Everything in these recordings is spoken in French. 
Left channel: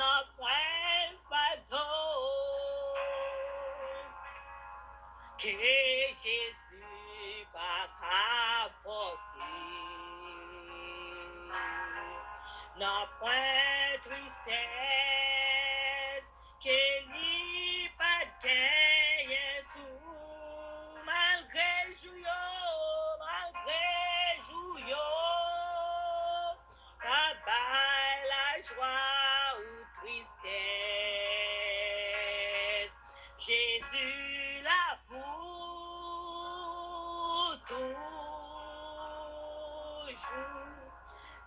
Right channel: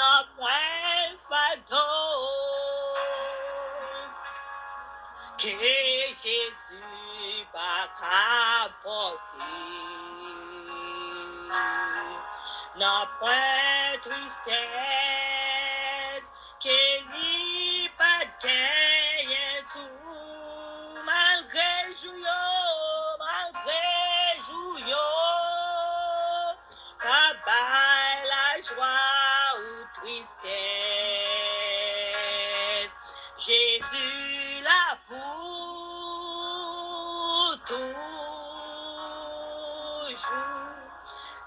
n'a point fardeau que Jésus va apporter. N'a point tristesse que lui pas gagner tout malgré jouyo pas la joie ou tristesse. Jésus là pour toujours.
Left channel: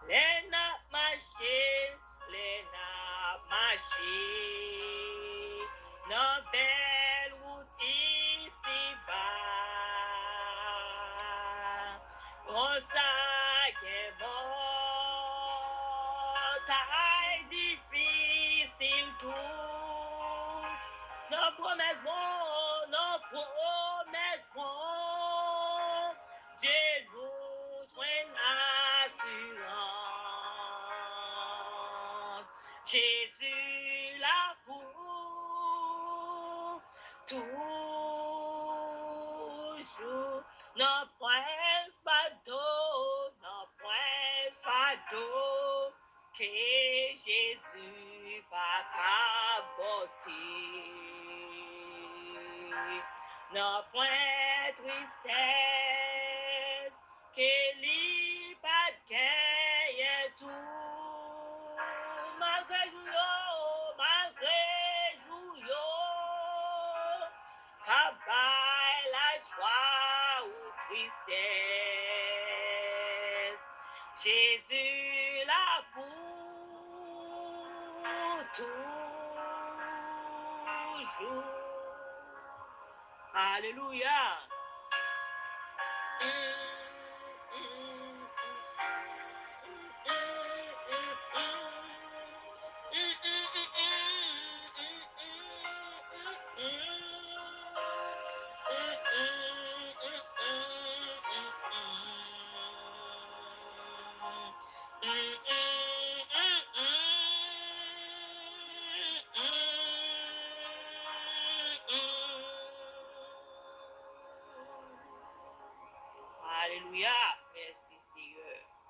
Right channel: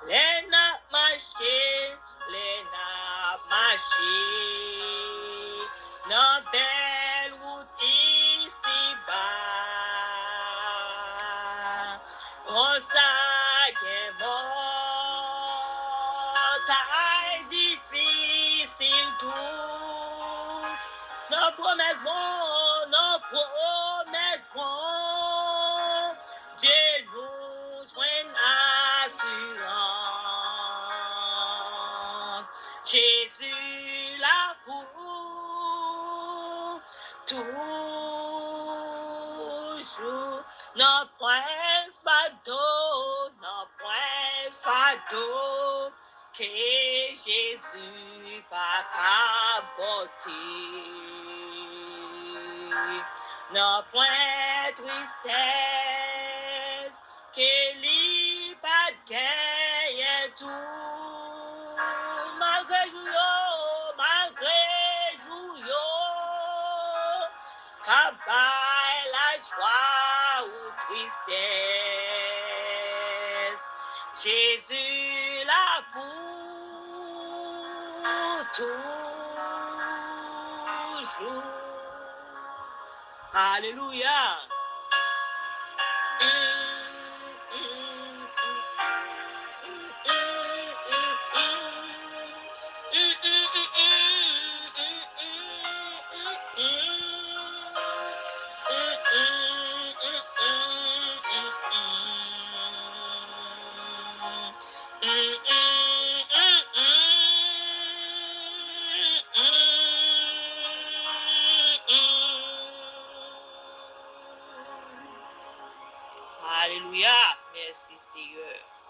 Les n'a marché, dans belle route ici-bas. Comme ça qu'est mort, taille difficile tout. Nos promesses bon, Dieu nous soigne assurance. Jésus là pour toujours. N'a point fardeau, que Jésus va capoter. N'a point tristesse, que lui pas gagner tout. Malgré jouyo, cabal la joie ou tristesse. Jésus là pour toujours. Alléluia. Alléluia. Merci Seigneur.